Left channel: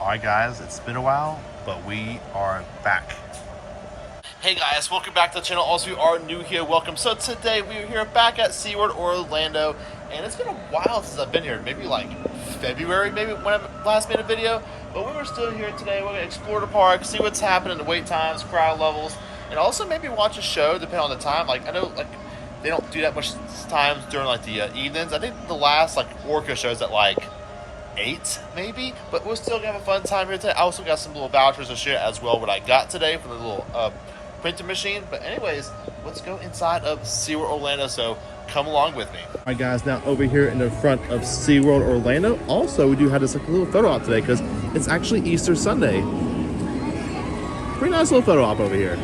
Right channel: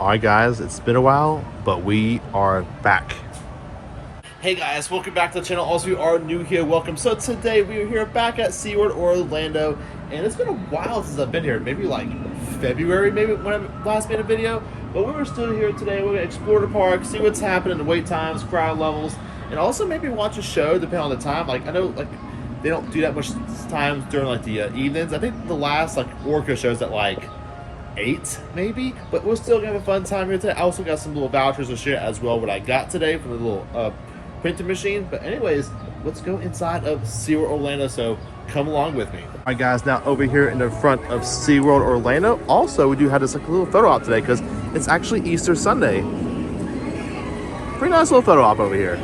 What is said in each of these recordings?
All right, guys, it's been a while, but we are back. Hey guys, welcome back to the channel. Also, if you are new here, welcome. So today we are here back at SeaWorld Orlando, and it's been a while since I've been here. Maybe like February, maybe when I last made a video. But we were still here today. We're gonna explore the park, see what's happening, the wait times, crowd levels, and also maybe watch a show depending on the time. Like I know, like they don't do that much times during like the evenings. I think the last like orca shows at like 8 maybe, but we're still gonna have a fun time here today. I also got some little vouchers to share as well what I got today for the little printing machine. But anyways, let's go inside of SeaWorld Orlando, so come along with me. All right guys, now over here in the front of SeaWorld Orlando, also we do have this like a little photo op today because it's actually Easter Sunday. Pretty nice little photo op over here.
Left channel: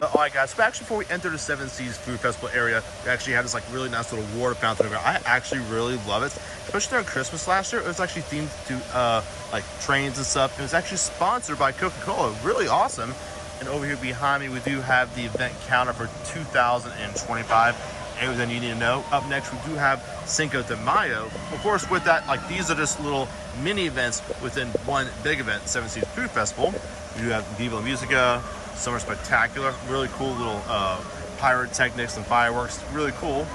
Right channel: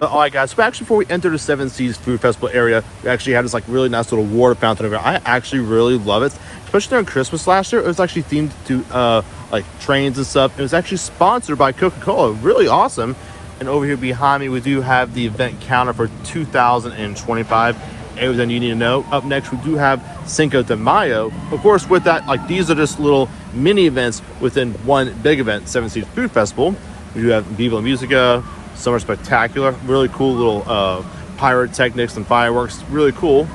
All right guys, so actually before we enter the Seven Seas Food Festival area, we actually have this like really nice little water fountain over here. I actually really love it, especially during Christmas last year. It was actually themed to like trains and stuff. It was actually sponsored by Coca-Cola. Really awesome. And over here behind me, we do have the event counter for 2025. Everything you need to know. Up next, we do have Cinco de Mayo. Of course, with that, like these are just little mini events within one big event, Seven Seas Food Festival. We do have Viva La Musica, Summer Spectacular, really cool little pyrotechnics and fireworks, really cool.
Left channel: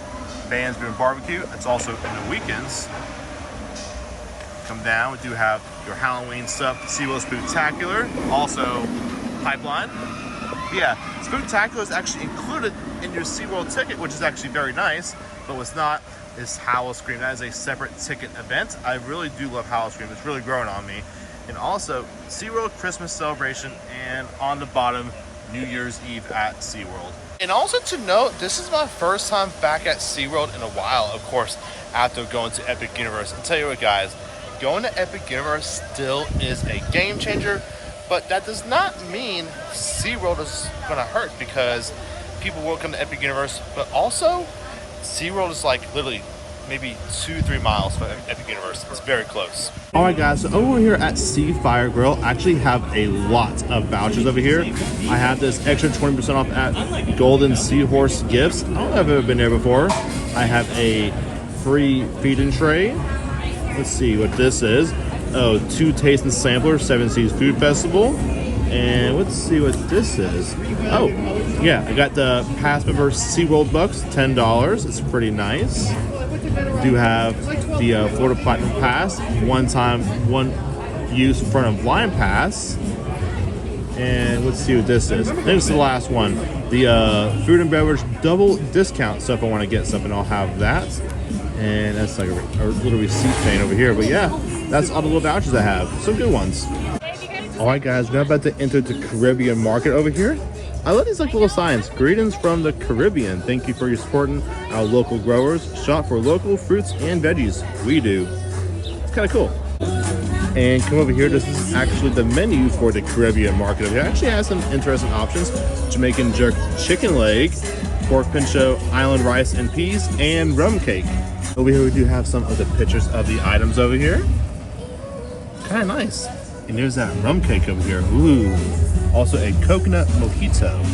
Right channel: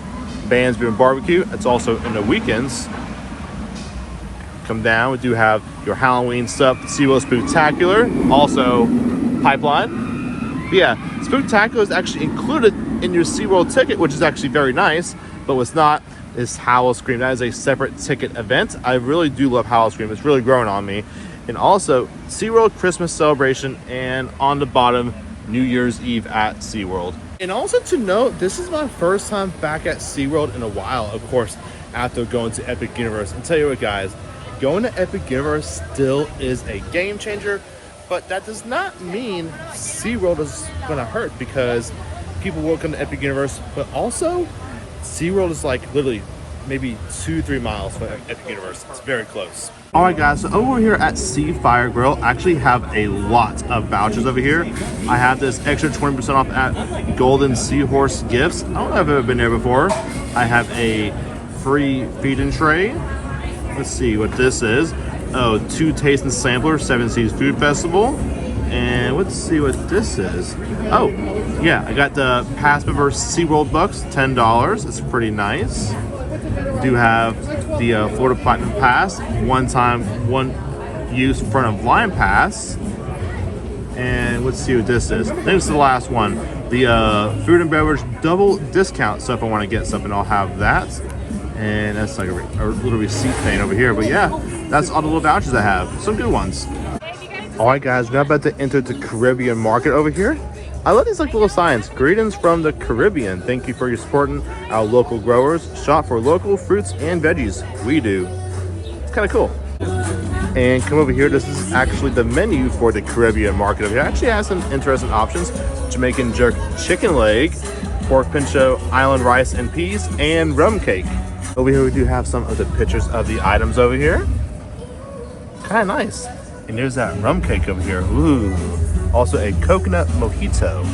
Bands doing barbecue. It's also in the weekends. Come down, we do have your Halloween stuff, SeaWorld Spectacular, also Pipeline. But yeah, Spooktacular is actually included in your SeaWorld ticket, which is actually very nice, but what's not is Howl-O-Scream. That is a separate ticket event. I really do love Howl-O-Scream. It's really growing on me. And also SeaWorld Christmas Celebration, and on the bottom, New Year's Eve at SeaWorld. And also to note, this is my first time back at SeaWorld in a while, of course, after going to Epic Universe. And tell you what guys, going to Epic Universe still is a game changer. But that does not mean SeaWorld is going to hurt, because people will come to Epic Universe, but also SeaWorld is like literally maybe 2-3 miles from Epic Universe. It's very close. All right guys, so over here at Sea Fire Grill, I actually have a lot of vouchers over here. I have this extra 20% off at Golden Seahorse Gifts. I don't know if I've ever been there before. I have a free feed-in tray. Let's see what this is. Oh, 2 taste and sampler, Seven Seas Food Festival. And let's see what this is. Oh, yeah, I got the Pass Member SeaWorld Bucks, $10. It's pretty nice. We do have the Florida Platinum Pass, one use front of line pass. And let's see what this is. I think it's the last one. The food and beverage double discount. So if I want to get something, I'll have that. And that's like a little receipt thing over here. But yeah, that's all the little vouchers I have. Some good ones. All right, guys, we're about to enter the Caribbean market over here. I love these like little signs. Greetings from the Caribbean. Thank you for your supporting our local growers. Shop for local fruits and veggies. We do. It's kind of cool. And come over here. This is actually the menu for the Caribbean market over here. It actually has some interesting options. Jamaican jerk chicken leg, pork pincho, island rice and peas, and rum cake. Over here we do have some of the pictures of the items over here. Kind of nice. And there's that rum cake over here. Ooh. Also a coconut mojito.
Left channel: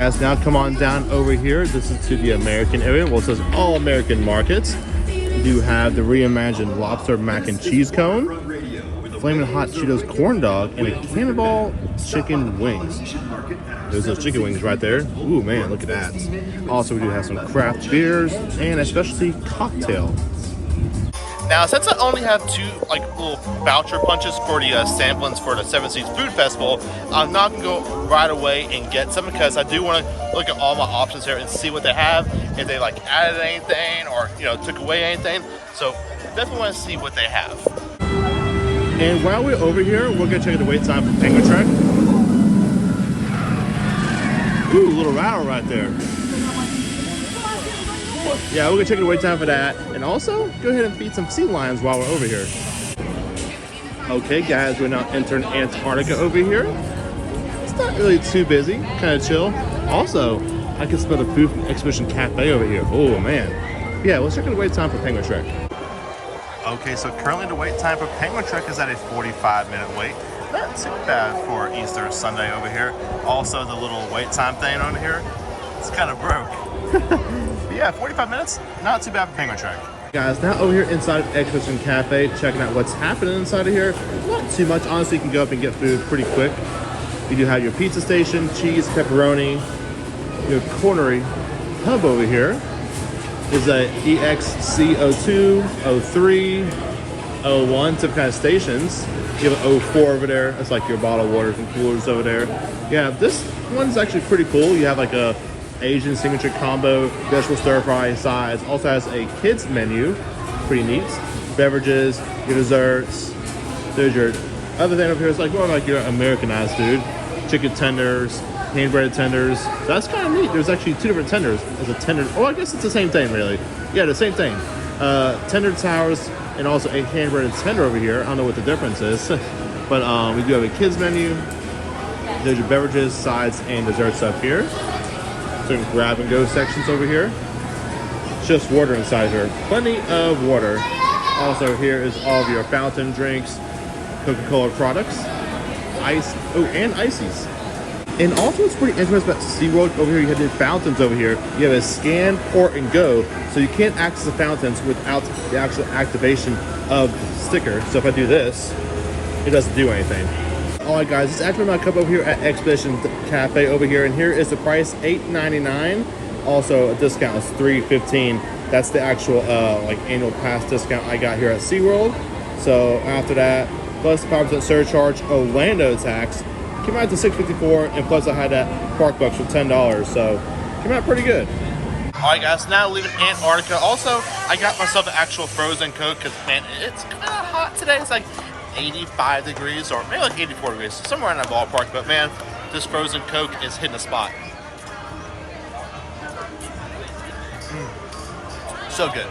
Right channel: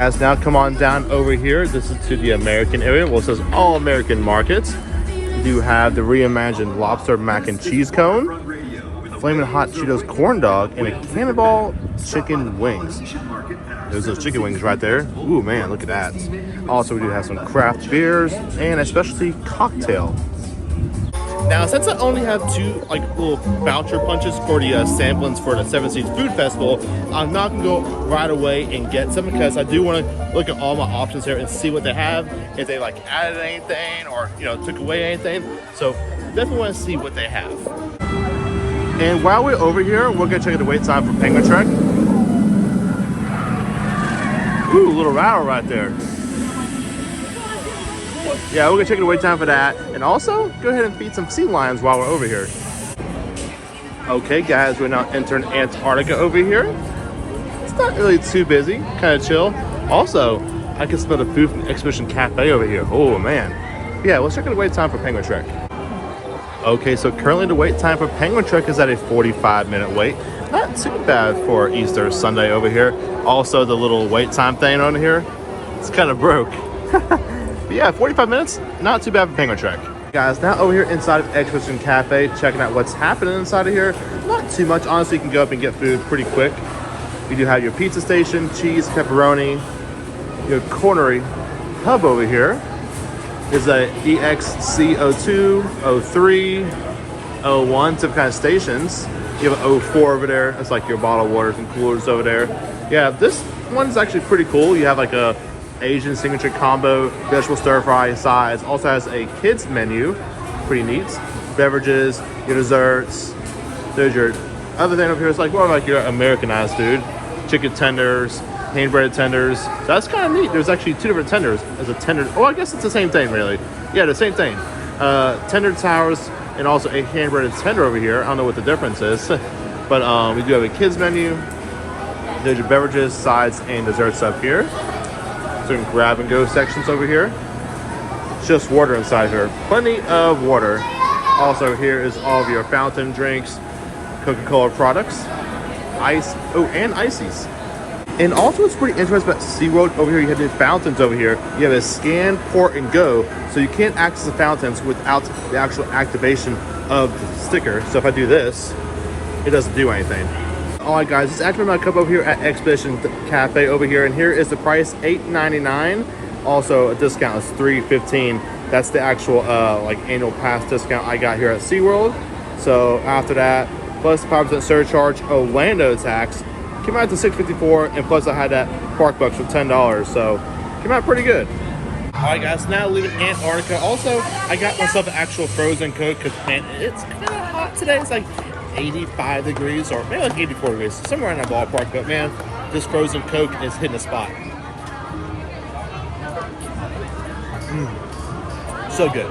As now come on down over here. This is to the American area. Well, it says all American markets. We do have the reimagined lobster mac and cheese cone, flaming hot Cheetos corn dog, and a cannonball chicken wings. There's those chicken wings right there. Ooh man, look at that. Also we do have some craft beers and a specialty cocktail. Now, since I only have 2 like little voucher punches for the samplings for the Seven Seas Food Festival, I'm not gonna go right away and get some, because I do want to look at all my options here and see what they have, if they like added anything or took away anything. So definitely want to see what they have. And while we're over here, we're gonna take the wait time for Penguin Trek. Ooh, a little rattle right there. Yeah, we're gonna take the wait time for that. And also, go ahead and feed some sea lions while we're over here. Okay guys, we're now entering Antarctica over here. It's not really too busy, kind of chill. Also, I can smell the food from Exhibition Cafe over here. Oh man. Yeah, let's check the wait time for Penguin Trek. Okay, so currently the wait time for Penguin Trek is at a 45-minute wait. Not too bad for Easter Sunday over here. Also, the little wait time thing on here, it's kind of broke. But yeah, 45 minutes, not too bad for Penguin Trek. Guys, now over here inside of Exhibition Cafe, checking out what's happening inside of here. Not too much. Honestly, you can go up and get food pretty quick. You do have your pizza station, cheese, pepperoni, your cornery hub over here. Is a EXC02, 03, 01, some kind of stations. You have 04 over there. That's like your bottled waters and coolers over there. Yeah, this one's actually pretty cool. You have like a Asian signature combo, vegetable stir fry sides. Also has a kids menu, pretty neat. Beverages, your desserts. There's your other thing over here. It's like more like your Americanized food. Chicken tenders, hand breaded tenders. So that's kind of neat. There's actually two different tenders. There's a tender. Oh, I guess it's the same thing, really. Yeah, the same thing. Tender towers and also a hand breaded tender over here. I don't know what the difference is, but we do have a kids menu. There's your beverages, sides, and desserts up here. Some grab and go sections over here. Just water inside here. Plenty of water. Also here is all of your fountain drinks, Coca-Cola products, ice, and ices. And also what's pretty interesting about SeaWorld over here, you have the fountains over here. You have a scan, port, and go. So you can't access the fountains without the actual activation of the sticker. So if I do this, it doesn't do anything. All right, guys, it's actually my cup over here at Exhibition Cafe over here, and here is the price, $8.99. Also, a discount is $3.15. That's the actual like annual pass discount I got here at SeaWorld. So after that, plus 5% surcharge, Orlando tax, came out to $6.54, and plus I had that park bucks for $10. So came out pretty good. All right, guys, now leaving Antarctica. Also, I got myself an actual frozen Coke because, man, it's kind of hot today. It's like 85 degrees or maybe like 84 degrees, somewhere in that ballpark. But man, this frozen Coke is hitting a spot. So good.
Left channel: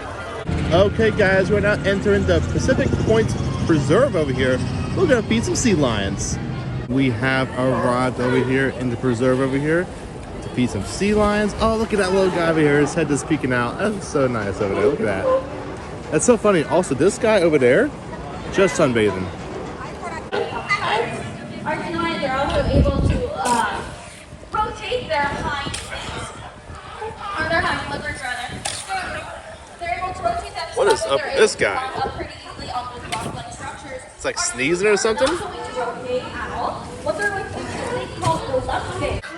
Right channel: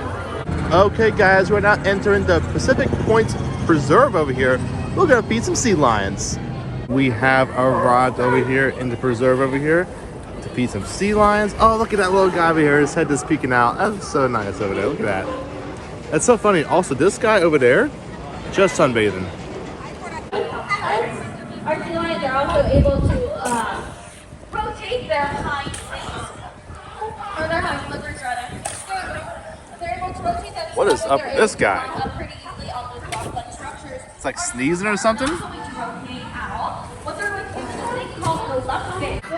Okay, guys, we're now entering the Pacific Point Preserve over here. We're gonna feed some sea lions. We have arrived over here in the preserve over here to feed some sea lions. Oh, look at that little guy over here. His head is peeking out. That's so nice over there. Look at that. That's so funny. Also, this guy over there, just sunbathing. Our sea lions are also able to rotate their hind legs. Or their hind flippers, rather. They're able to rotate that. What is up with this guy? Pretty easily on those rock-like structures. It's like sneezing or something.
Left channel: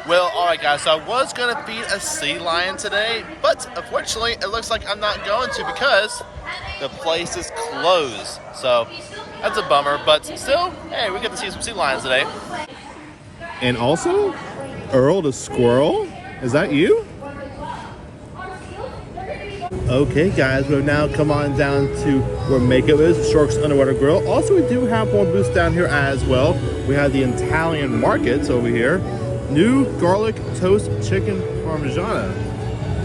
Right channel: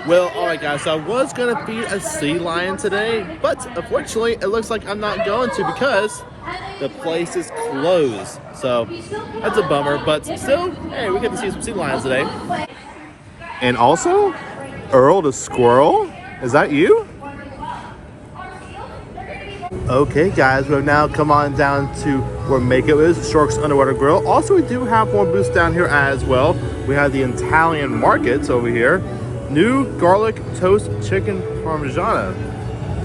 Well, all right, guys, so I was going to feed a sea lion today, but unfortunately, it looks like I'm not going to because the place is closed. So that's a bummer, but still, hey, we get to see some sea lions today. And also, Earl the squirrel, is that you? Okay, guys, we've now come on down to where Mako is, Shark's Underwater Grill. Also, we do have one booth down here as well. We have the Italian markets over here. New garlic toast chicken parmigiana.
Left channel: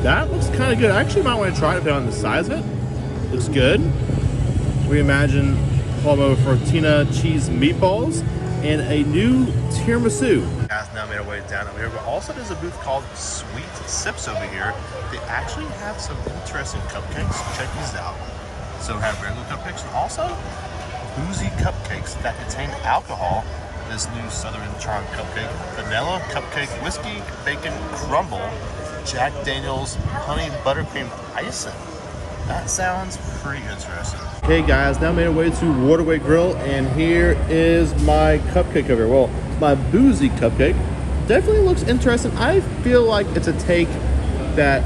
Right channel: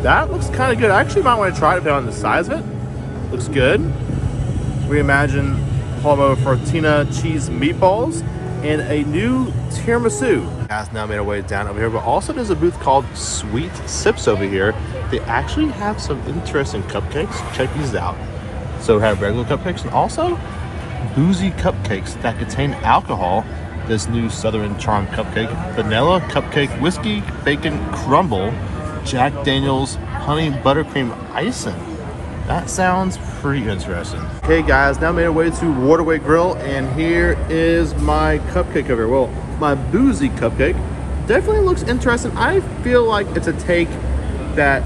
That looks kind of good. I actually might want to try it depending on the size of it. Looks good. Reimagine Palmo Fortina cheese meatballs and a new tiramisu. Guys, now made our way down over here, but also there's a booth called Sweet Sips over here. They actually have some interesting cupcakes. Check these out. So we have regular cupcakes and also boozy cupcakes that contain alcohol. This new Southern Charm cupcake, vanilla cupcake, whiskey, bacon crumble, Jack Daniel's honey buttercream icing. That sounds pretty interesting. Hey guys, now made our way to Waterway Grill, and here is my cupcake over here. Well, my boozy cupcake definitely looks interesting. I feel like it's a take that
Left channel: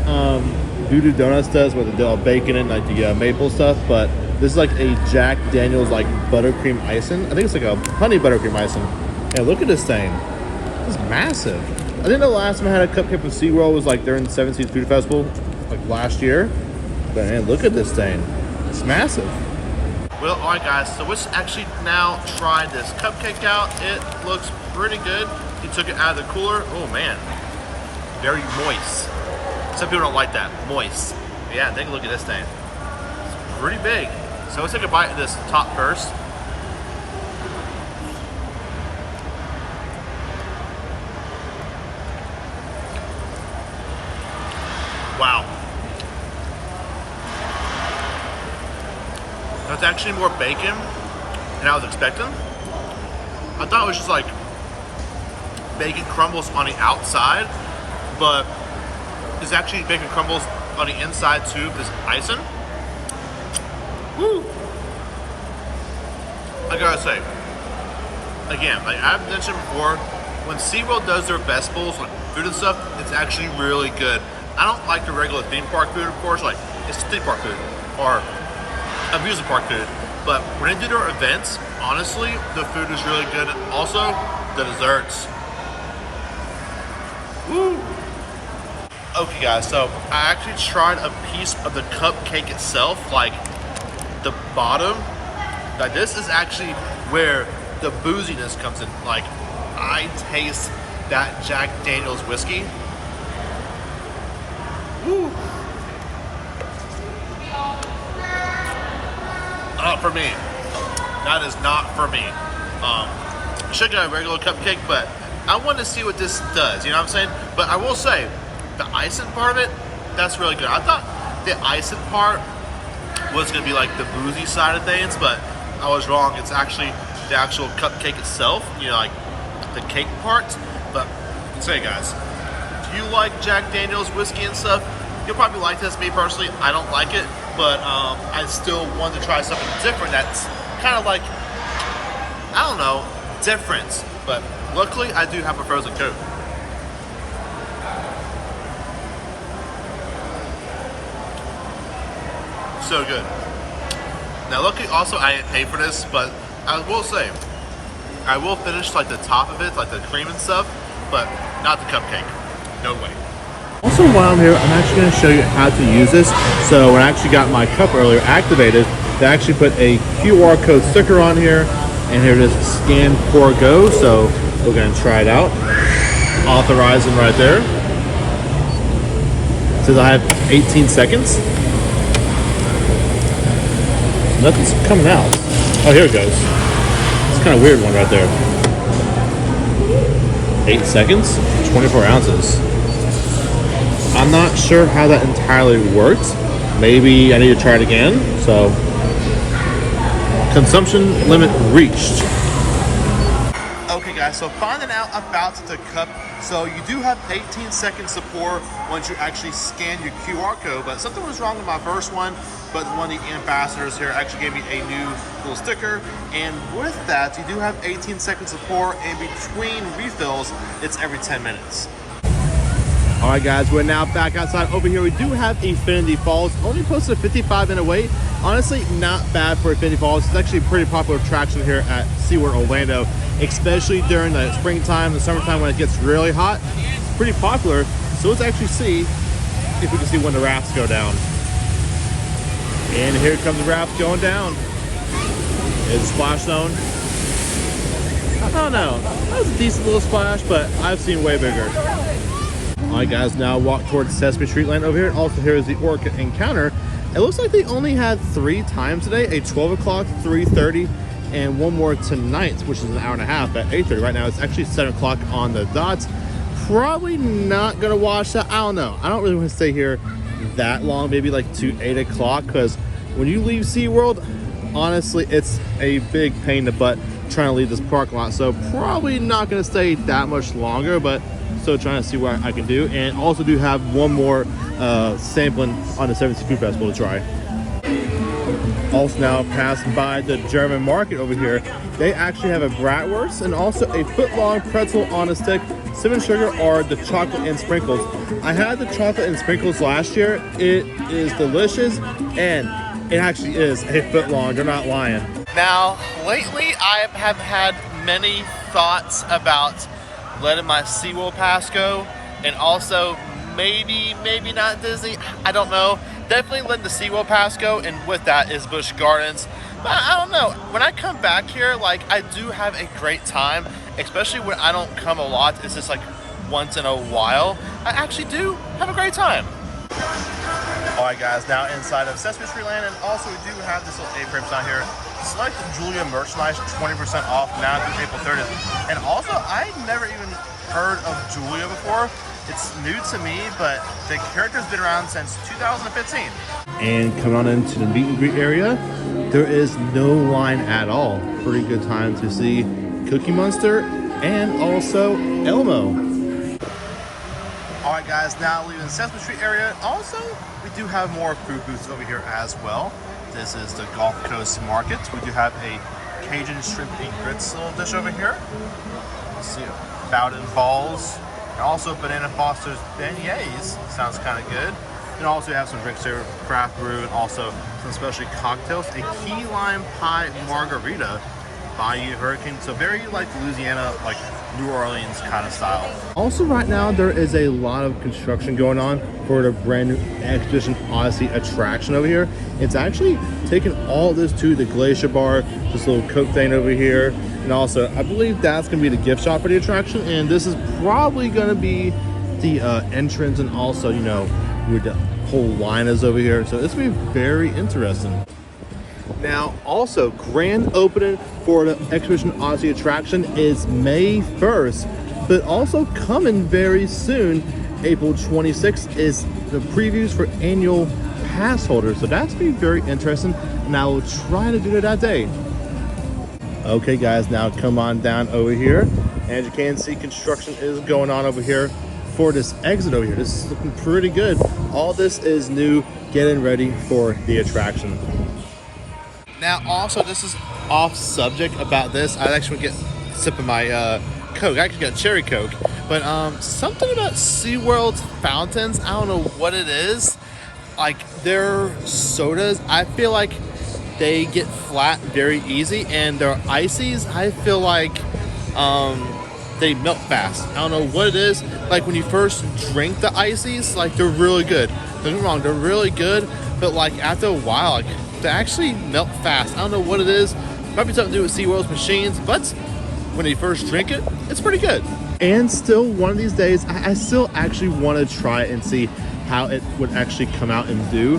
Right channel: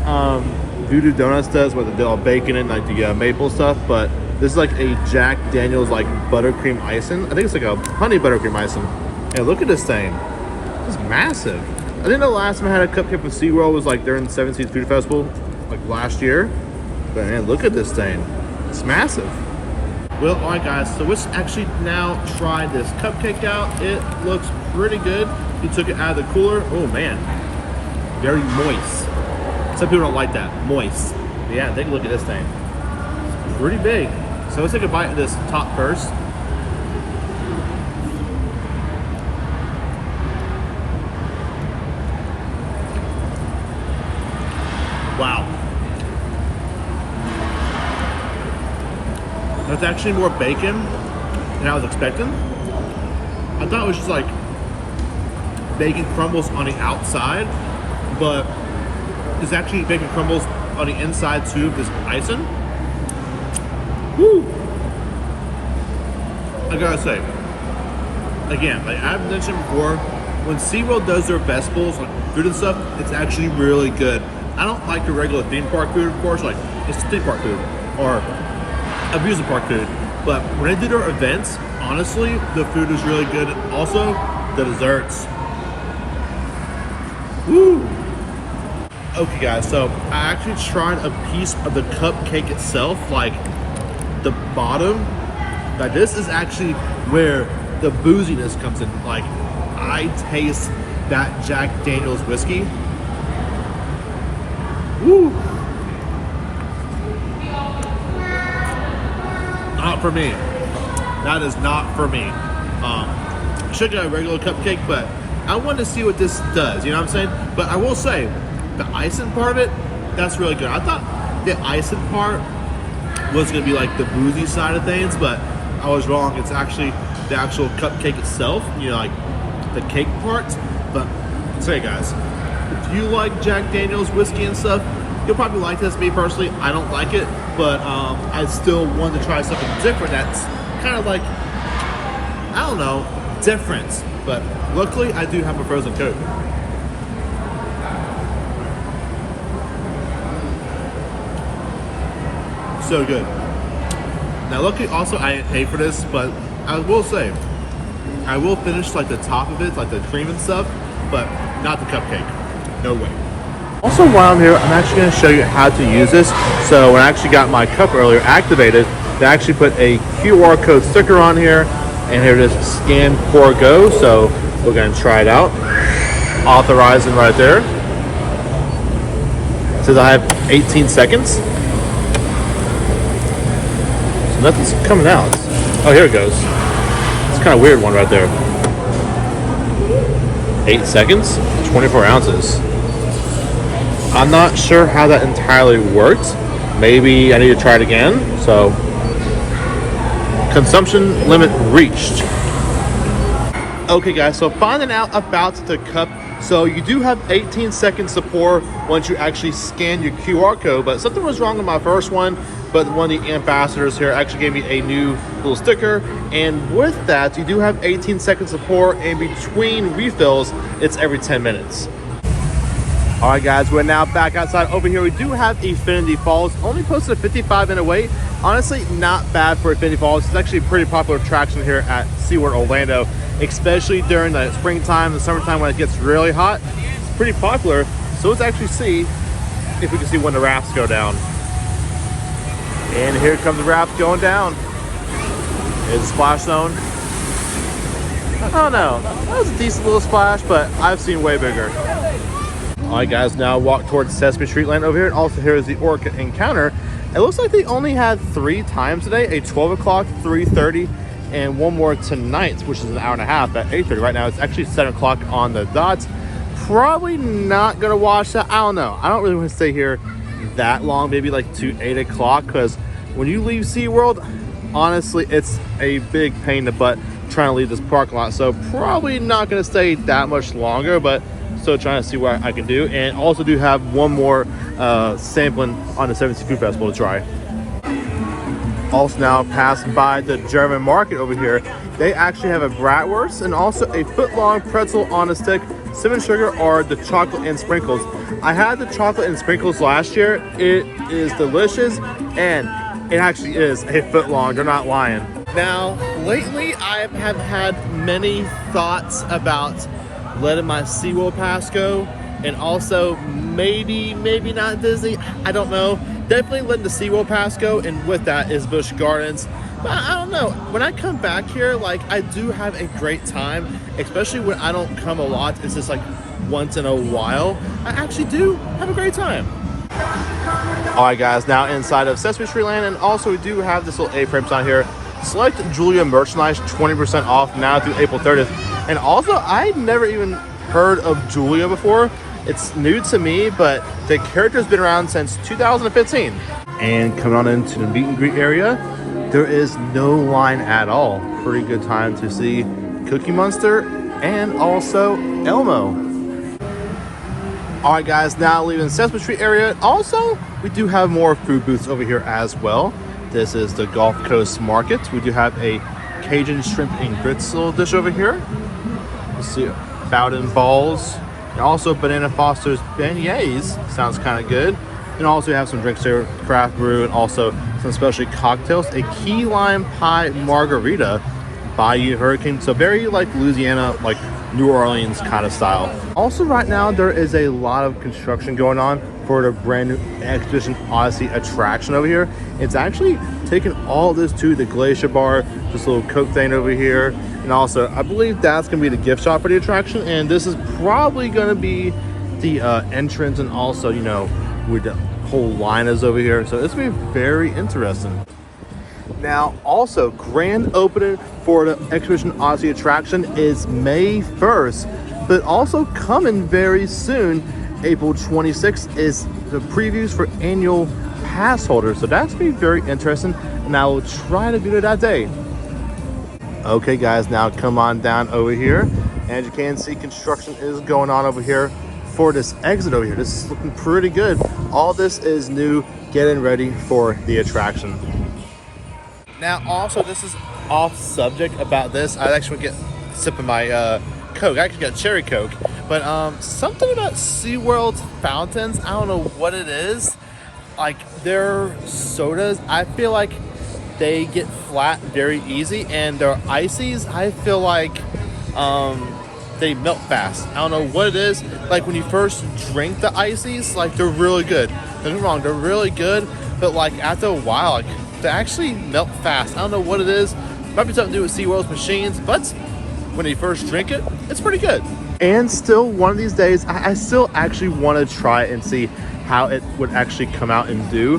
Voodoo Donuts does with the bacon and like the maple stuff, but this is like a Jack Daniel's like buttercream icing. I think it's like a honey buttercream icing. And look at this thing. It's massive. I think the last time I had a cupcake from SeaWorld was like during the Seven Seas Food Festival, like last year. But man, look at this thing. It's massive. Well, all right, guys. So let's actually now try this cupcake out. It looks pretty good. He took it out of the cooler. Oh man, very moist. Some people don't like that, moist. But yeah, take a look at this thing. It's pretty big. So let's take a bite of this top first. Wow. That's actually more bacon than I was expecting. I thought it was just like bacon crumbles on the outside, but there's actually bacon crumbles on the inside too of this icing. Woo! I gotta say, again, like I've mentioned before, when SeaWorld does their best bowls, like food and stuff, it's actually really good. I don't like the regular theme park food, of course, like it's theme park food or amusement park food. But when they do their events, honestly, the food is really good. Also, the desserts. Woo! Okay guys, so I actually tried a piece of the cupcake itself, like the bottom. Like this is actually where the booziness comes in. Like I taste that Jack Daniel's whiskey. Woo! Not for me. That is not for me. I should get a regular cupcake, but I wanted to see what this does, you know what I'm saying? But I will say, the icing part of it, that's really good. I thought the icing part was gonna be like the boozy side of things, but I was wrong. It's actually the actual cupcake itself, you know, like the cake part. But I'll tell you guys, if you like Jack Daniel's whiskey and stuff, you'll probably like this. Me personally, I don't like it, but I still wanted to try something different that's kind of like, I don't know, different. But luckily, I do have a frozen Coke. So good. Now luckily also I didn't pay for this, but I will say, I will finish like the top of it, like the cream and stuff, but not the cupcake. No way. Also while I'm here, I'm actually going to show you how to use this. So when I actually got my cup earlier activated, they actually put a QR code sticker on here, and here it is, scan, pour, go. So we're going to try it out. Authorizing right there. It says I have 18 seconds. Nothing's coming out. Oh, here it goes. It's kind of weird one right there. 8 seconds, 24 ounces. I'm not sure how that entirely worked. Maybe I need to try it again. So, consumption limit reached. Okay guys, so finding out about the cup. So you do have 18 seconds to pour once you actually scan your QR code, but something was wrong with my first one. But one of the ambassadors here actually gave me a new little sticker, and with that you do have 18 seconds to pour, and between refills it's every 10 minutes. All right guys, we're now back outside. Over here we do have Infinity Falls, only posted a 55-minute wait. Honestly, not bad for Infinity Falls. It's actually a pretty popular attraction here at SeaWorld Orlando, especially during the springtime and summertime when it gets really hot. It's pretty popular. So let's actually see if we can see when the rafts go down. And here comes the raft going down. It's a splash zone. I don't know. That was a decent little splash, but I've seen way bigger. All right, guys, now walk towards Sesame Street Land over here. And also here is the Orca Encounter. It looks like they only had 3 times today, a 12 o'clock, 3:30, and one more tonight, which is an hour and a half at 8:30. Right now, it's actually 7 o'clock on the dot. Probably not gonna watch that. I don't know. I don't really want to stay here that long, maybe like to 8 o'clock, because when you leave SeaWorld, honestly, it's a big pain in the butt trying to leave this parking lot. So probably not going to stay that much longer, but still trying to see what I can do. And also do have one more sampling on the 17 Food Festival to try. Also now passing by the German market over here, they actually have a bratwurst and also a foot-long pretzel on a stick, cinnamon sugar, or the chocolate and sprinkles. I had the chocolate and sprinkles last year. It is delicious, and it actually is a foot long. They're not lying. Now, lately I have had many thoughts about letting my SeaWorld pass go, and also maybe not Disney. I don't know. Definitely letting the SeaWorld pass go, and with that is Busch Gardens. But I don't know. When I come back here, like, I do have a great time, especially when I don't come a lot. It's just like once in a while. I actually do have a great time. All right, guys, now inside of Sesame Street Land, and also we do have this little A-frame sign here. Select Julia merchandise, 20% off now through April 30th. And also, I've never even heard of Julia before. It's new to me, but the character's been around since 2015. And coming on into the meet and greet area, there is no line at all. Pretty good time to see Cookie Monster and also Elmo. All right, guys, now leaving the Sesame Street area. Also, we do have more food booths over here as well. This is the Gulf Coast Market. We do have a Cajun shrimp and grits little dish over here. Let's see, Bowden balls, and also Banana Foster's beignets. Sounds kind of good. And also we have some drinks here, craft brew, and also some specialty cocktails. A key lime pie margarita, Bayou Hurricane. So very like Louisiana, like New Orleans kind of style. Also right now there is a lot of construction going on for the brand new Expedition Odyssey attraction over here. It's actually taken all this to the Glacier Bar, this little Coke thing over here. And also I believe that's gonna be the gift shop for the attraction. And this is probably gonna be the entrance, and also, you know, where the whole line is over here. So it's gonna be very interesting. Now, also, grand opening for the Expedition Odyssey attraction is May 1st, but also coming very soon, April 26th, is the previews for annual pass holders. So that's gonna be very interesting, and I will try to do it that day. Okay, guys, now come on down over here. As you can see, construction is going on over here for this exit over here. This is looking pretty good. All this is new, getting ready for the attraction. Now, also, this is off subject about this. I actually get a sip of my Coke. I actually got cherry Coke. But something about SeaWorld fountains, I don't know what it is. Like, their sodas, I feel like they get flat very easy. And their ices, I feel like they melt fast. I don't know what it is. Like, when you first drink the ices, like, they're really good. Don't get me wrong, they're really good. But, like, after a while, like, they actually melt fast. I don't know what it is. Might be something to do with SeaWorld's machines, but when you first drink it, it's pretty good. And still, one of these days, I still actually want to try it and see how it would actually come out and do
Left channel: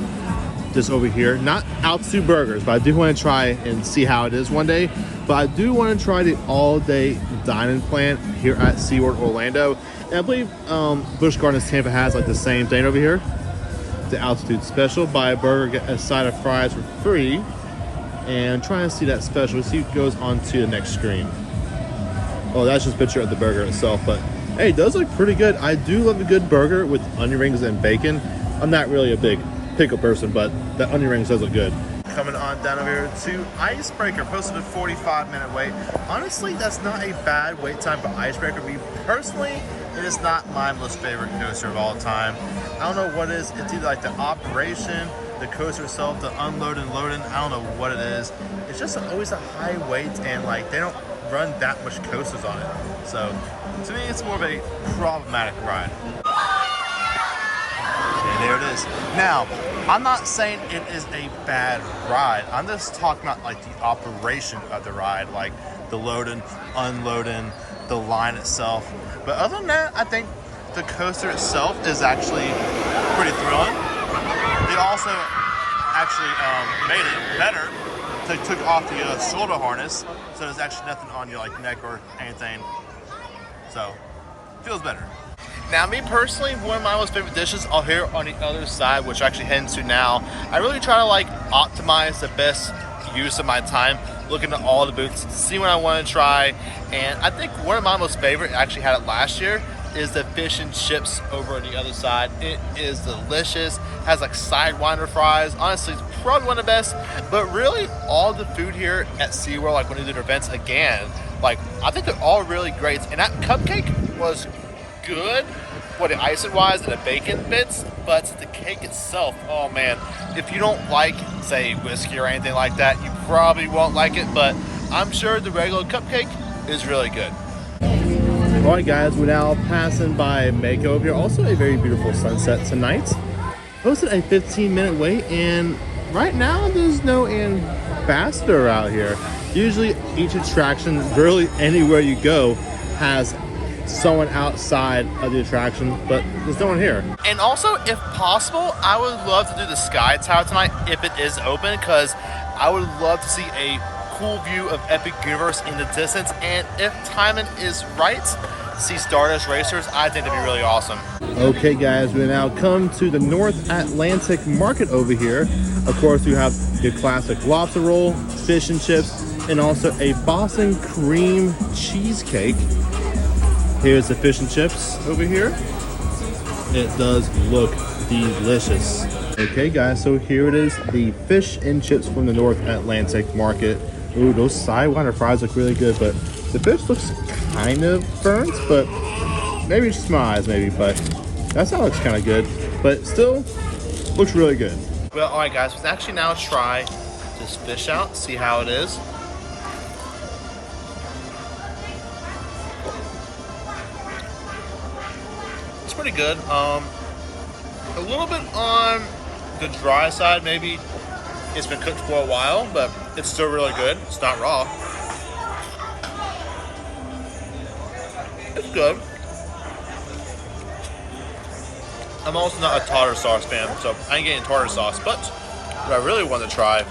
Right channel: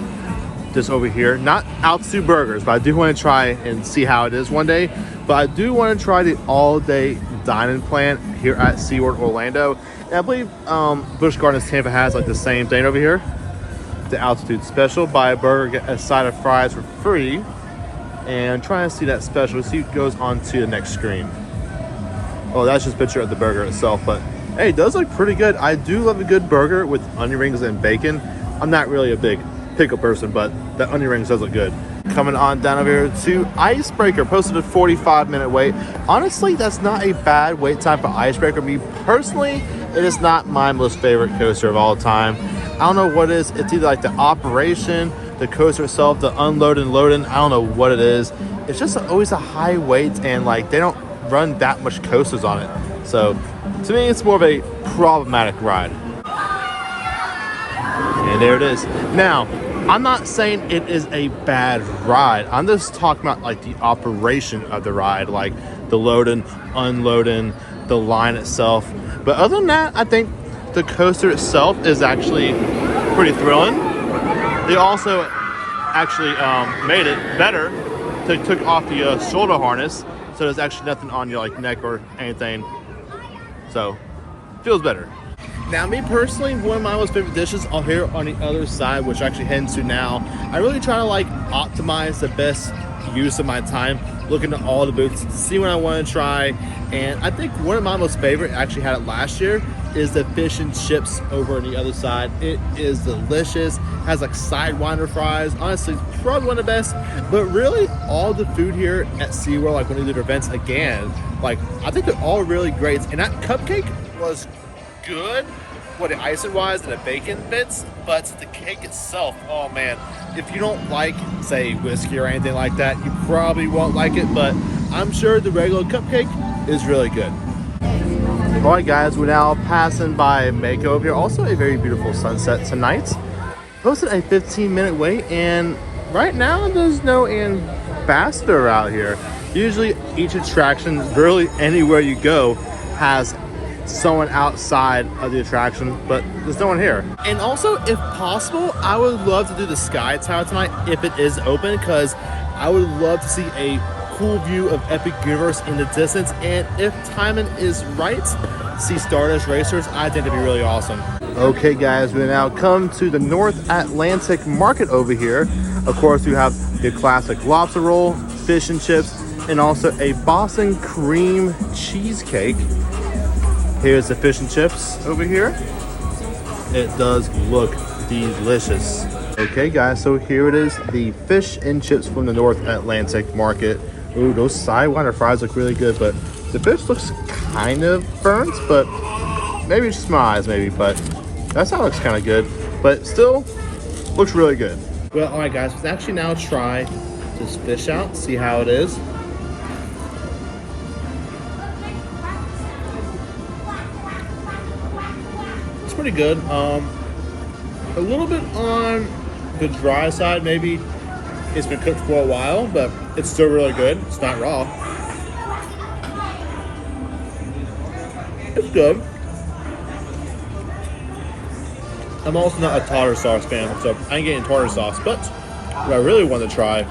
this over here. Not Altitude Burgers, but I do want to try and see how it is one day. But I do want to try the all-day dining plan here at SeaWorld Orlando. And I believe Busch Gardens Tampa has like the same thing over here. The Altitude Special. Buy a burger, get a side of fries for free. And try and see that special. See it goes on to the next screen. Oh, that's just a picture of the burger itself. But hey, it does look pretty good. I do love a good burger with onion rings and bacon. I'm not really a big pickle person, but the onion rings does look good. Coming on down over here to Icebreaker. Posted a 45-minute wait. Honestly, that's not a bad wait time for Icebreaker. Me personally, it is not my most favorite coaster of all time. I don't know what it is. It's either like the operation, the coaster itself, the unloading and loading. I don't know what it is. It's just always a high wait, and like they don't run that much coasters on it. So to me, it's more of a problematic ride. And there it is. Now, I'm not saying it is a bad ride. I'm just talking about like the operation of the ride, like the loading, unloading, the line itself. But other than that, I think the coaster itself is actually pretty thrilling. They also actually made it better. They took off the shoulder harness, so there's actually nothing on your like neck or anything. So feels better. Now, me personally, one of my most favorite dishes are here on the other side, which I actually heading to now. I really try to like optimize the best use of my time, looking at all the booths, see what I want to try. And I think one of my most favorite, actually had it last year, is the fish and chips over on the other side. It is delicious, has like sidewinder fries. Honestly, it's probably one of the best. But really, all the food here at SeaWorld, like when they do their events again, like I think they're all really great. And that cupcake was good, what the icing wise and the bacon bits, but the cake itself, oh man, if you don't like, say, whiskey or anything like that, you probably won't like it. But I'm sure the regular cupcake is really good. All right, guys, we're now passing by Mako over here. Also a very beautiful sunset tonight. Posted a 15-minute wait, and right now there's no ambassador out here. Usually each attraction, really anywhere you go, has someone outside of the attraction, but there's no one here. And also, if possible, I would love to do the Sky Tower tonight if it is open, because I would love to see a cool view of Epic Universe in the distance, and if timing is right, see Stardust Racers. I think that'd be really awesome. Okay, guys, we now come to the North Atlantic Market over here. Of course, we have the classic lobster roll, fish and chips, and also a Boston cream cheesecake. Here's the fish and chips over here. It does look delicious. Okay guys, so here it is, the fish and chips from the North Atlantic Market. Ooh, those sidewinder fries look really good, but the fish looks kind of burnt, but maybe it's just my eyes maybe, but that sound looks kind of good, but still looks really good. Well, all right, guys, let's actually now try this fish out, see how it is. It's pretty good. A little bit on the dry side, maybe. It's been cooked for a while, but it's still really good. It's not raw. It's good. I'm also not a tartar sauce fan, so I ain't getting tartar sauce. But what I really want to try,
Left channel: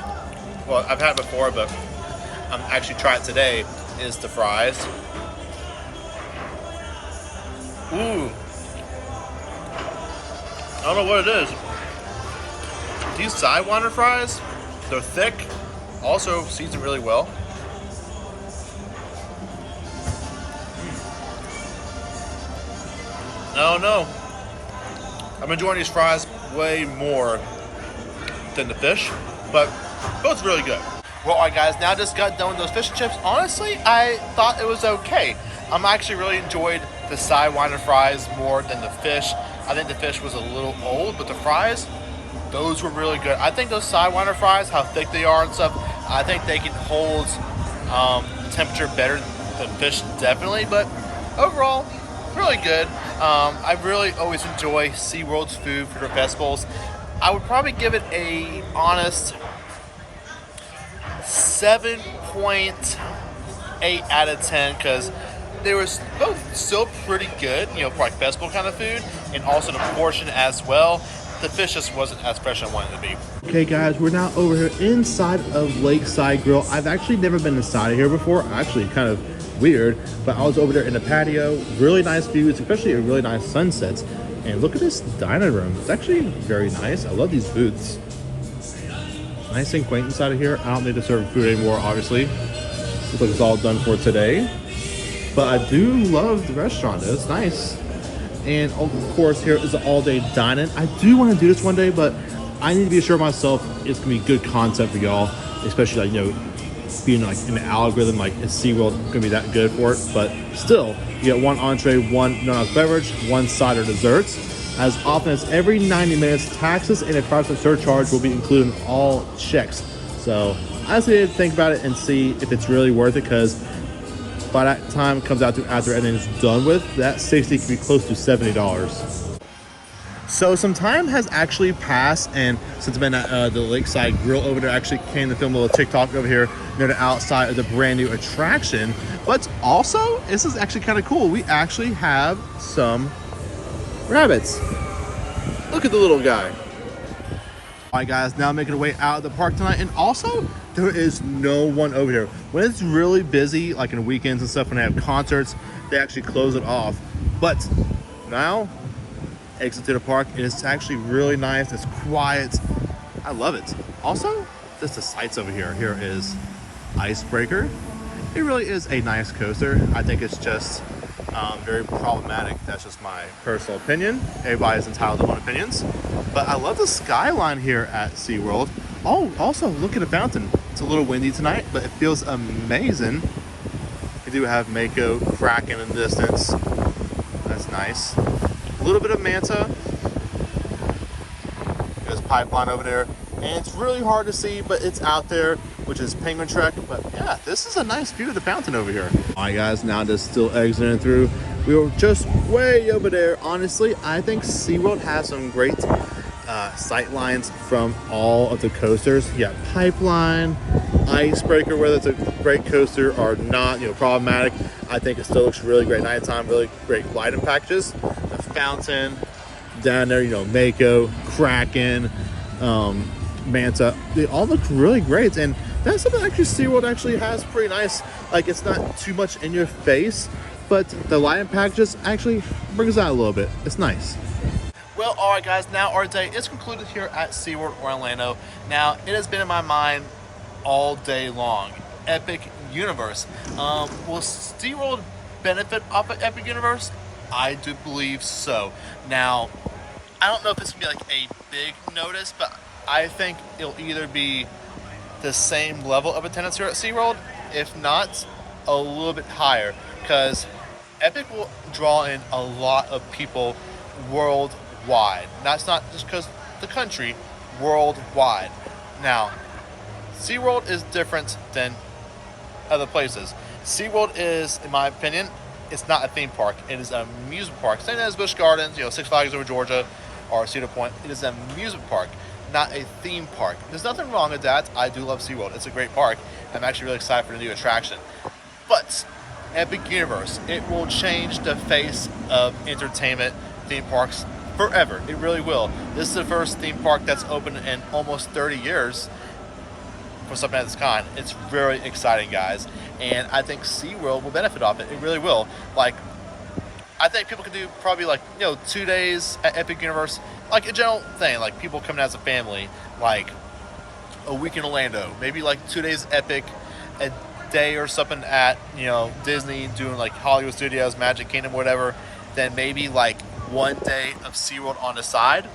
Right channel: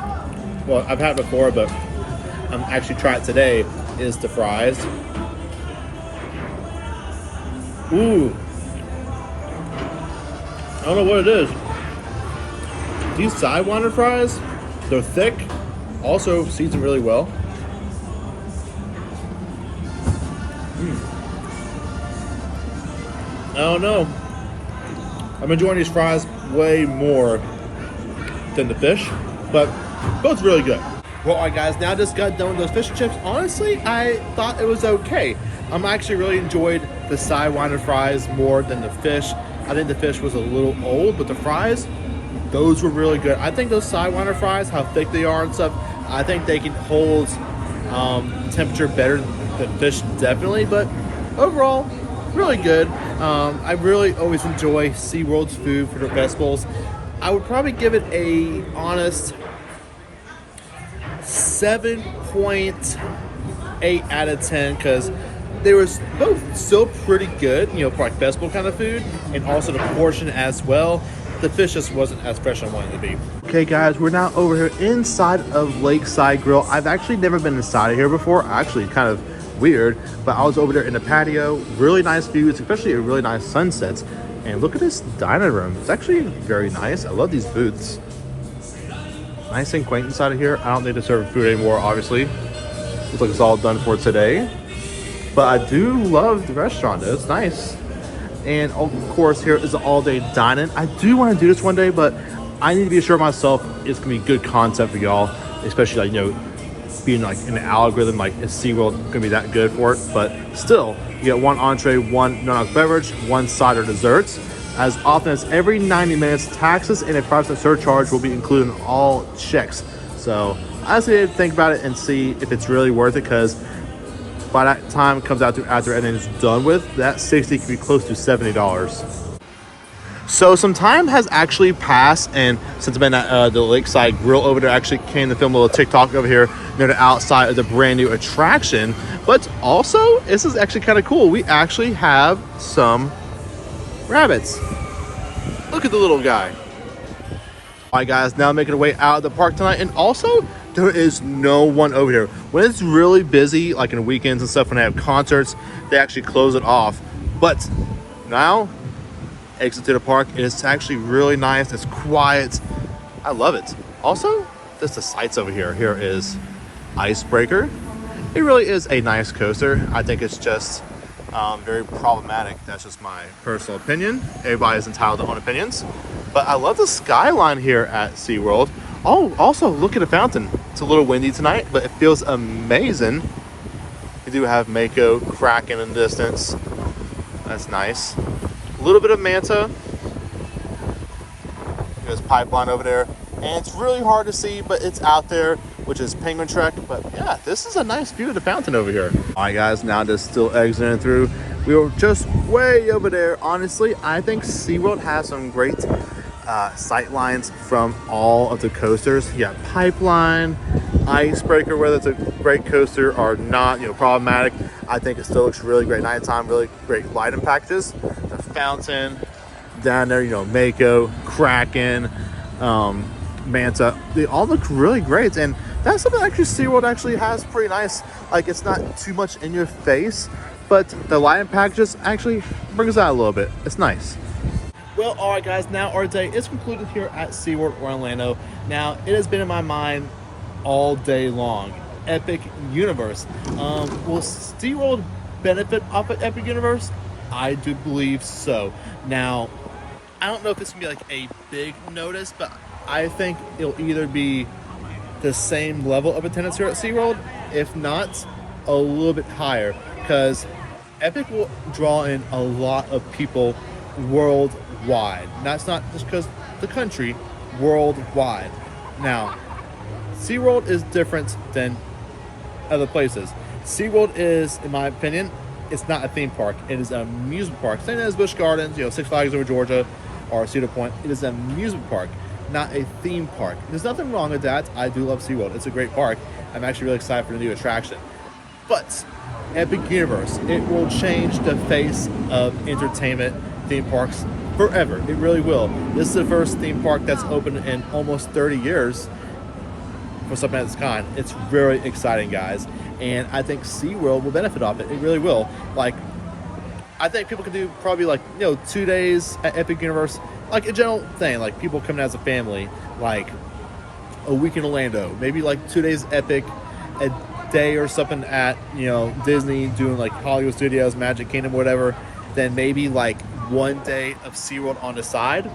well, I've had it before, but I'm actually trying it today, is the fries. Ooh. I don't know what it is. These sidewinder fries, they're thick, also seasoned really well. I don't know. I'm enjoying these fries way more than the fish, but both really good. Well, all right, guys, now just got done with those fish and chips. Honestly, I thought it was okay. I'm actually really enjoyed the sidewinder fries more than the fish. I think the fish was a little old, but the fries, those were really good. I think those sidewinder fries, how thick they are and stuff, I think they can hold the temperature better than fish, definitely. But overall, really good. I really always enjoy SeaWorld's food for their festivals. I would probably give it a honest 7.8 out of 10 because they were both still pretty good, you know, for like festival kind of food, and also the portion as well. The fish just wasn't as fresh as I wanted it to be. Okay guys, we're now over here inside of Lakeside Grill. I've actually never been inside of here before. Actually kind of weird, but I was over there in the patio. Really nice views, especially a really nice sunset. And look at this dining room. It's actually very nice. I love these booths. Nice and quaint inside of here. I don't need to serve food anymore, obviously. Looks like it's all done for today. But I do love the restaurant though. It's nice. And of course, here is the all-day dining. I do want to do this one day, but I need to be assured myself it's gonna be good content for y'all, especially like, you know, being like in the algorithm, like is SeaWorld gonna be that good for it? But still, you get one entree, one non-alcoholic beverage, one side or desserts. As often as every 90 minutes, taxes and a 5% surcharge will be included in all checks. So I just need to think about it and see if it's really worth it, because by that time it comes out to after everything's done with, that 60 could be close to $70. So some time has actually passed, and since I've been at the Lakeside Grill over there, I actually came to film a little TikTok over here near the outside of the brand new attraction. But also, this is actually kind of cool. We actually have some rabbits. Look at the little guy. All right guys, now making our way out of the park tonight, and also there is no one over here. When it's really busy, like in weekends and stuff, when they have concerts, they actually close it off. But now, exit to the park, it's actually really nice. It's quiet. I love it. Also, just the sights over here. Here is Icebreaker. It really is a nice coaster. I think it's just very problematic. That's just my personal opinion. Everybody's entitled to their own opinions. But I love the skyline here at SeaWorld. Oh, also look at the fountain. It's a little windy tonight, but it feels amazing. We do have Mako cracking in the distance. That's nice. A little bit of manta. There's pipeline over there. And it's really hard to see, but it's out there, which is Penguin Trek. But yeah, this is a nice view of the fountain over here. All right, guys, now just still exiting through. We were just way over there. Honestly, I think SeaWorld has some great sight lines from all of the coasters. You got Pipeline, Icebreaker, whether it's a great coaster or not, you know, problematic. I think it still looks really great nighttime, really great lighting packages. The fountain down there, you know, Mako, Kraken, Manta, they all look really great. And that's something actually SeaWorld actually has pretty nice. Like, it's not too much in your face, but the lighting packages actually brings out a little bit. It's nice. Well, all right, guys, now our day is concluded here at SeaWorld Orlando. Now, it has been in my mind all day long. Epic Universe. Will SeaWorld benefit off of Epic Universe? I do believe so. Now, I don't know if it's gonna be like a big notice, but I think it'll either be the same level of attendance here at SeaWorld, if not a little bit higher, because Epic will draw in a lot of people worldwide. That's not just because the country, worldwide. Now, SeaWorld is different than other places. SeaWorld is, in my opinion, it's not a theme park. It is an amusement park. Same as Busch Gardens, you know, Six Flags over Georgia, or Cedar Point. It is an amusement park, not a theme park. There's nothing wrong with that. I do love SeaWorld. It's a great park. I'm actually really excited for the new attraction. But Epic Universe, it will change the face of entertainment theme parks forever. It really will. This is the first theme park that's open in almost 30 years for something of this kind. It's very exciting, guys. And I think SeaWorld will benefit off it. It really will. Like, I think people could do probably like, you know, 2 days at Epic Universe, like a general thing, like people coming as a family, like a week in Orlando, maybe like 2 days Epic, a day or something at, you know, Disney, doing like Hollywood Studios, Magic Kingdom, whatever, then maybe like 1 day of SeaWorld on the side.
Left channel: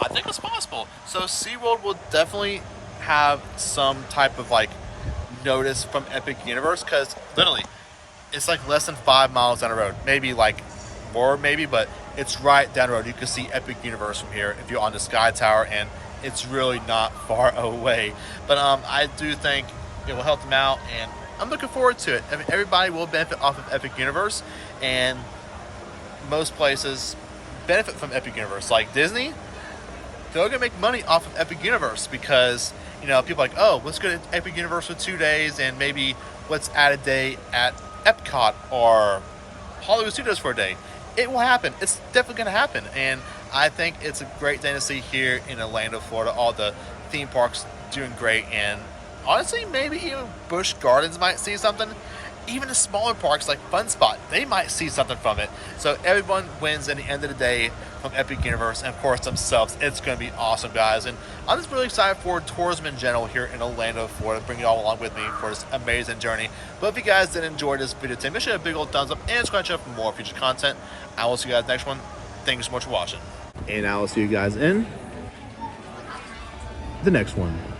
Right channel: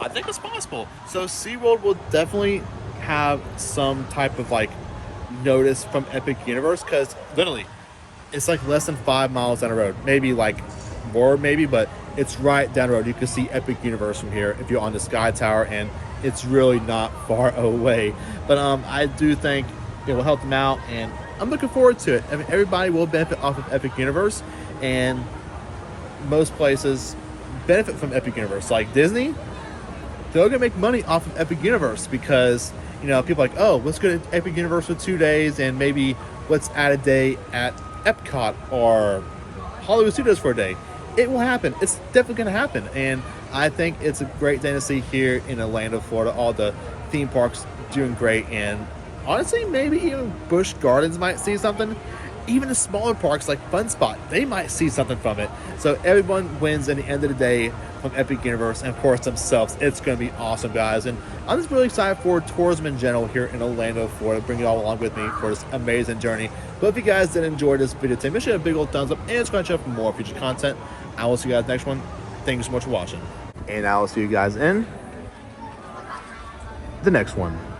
I think it's possible. So SeaWorld will definitely have some type of like notice from Epic Universe, because literally it's like less than 5 miles down the road, maybe like more, maybe, but it's right down the road. You can see Epic Universe from here if you're on the Sky Tower, and it's really not far away. But I do think it will help them out, and I'm looking forward to it. I mean, everybody will benefit off of Epic Universe, and most places benefit from Epic Universe. Like Disney, they're gonna make money off of Epic Universe, because, you know, people are like, oh, let's go to Epic Universe for 2 days, and maybe let's add a day at Epcot or Hollywood Studios for a day. It will happen. It's definitely going to happen. And I think it's a great thing to see here in Orlando, Florida. All the theme parks doing great. And honestly, maybe even Busch Gardens might see something. Even the smaller parks like Fun Spot, they might see something from it. So everyone wins in the end of the day from Epic Universe, and of course themselves. It's going to be awesome, guys. And I'm just really excited for tourism in general here in Orlando, Florida. Bring you all along with me for this amazing journey. But if you guys did enjoy this video today, make sure to hit a big old thumbs up and subscribe for more future content. I will see you guys next one. Thank you so much for watching. And I will see you guys in the next one.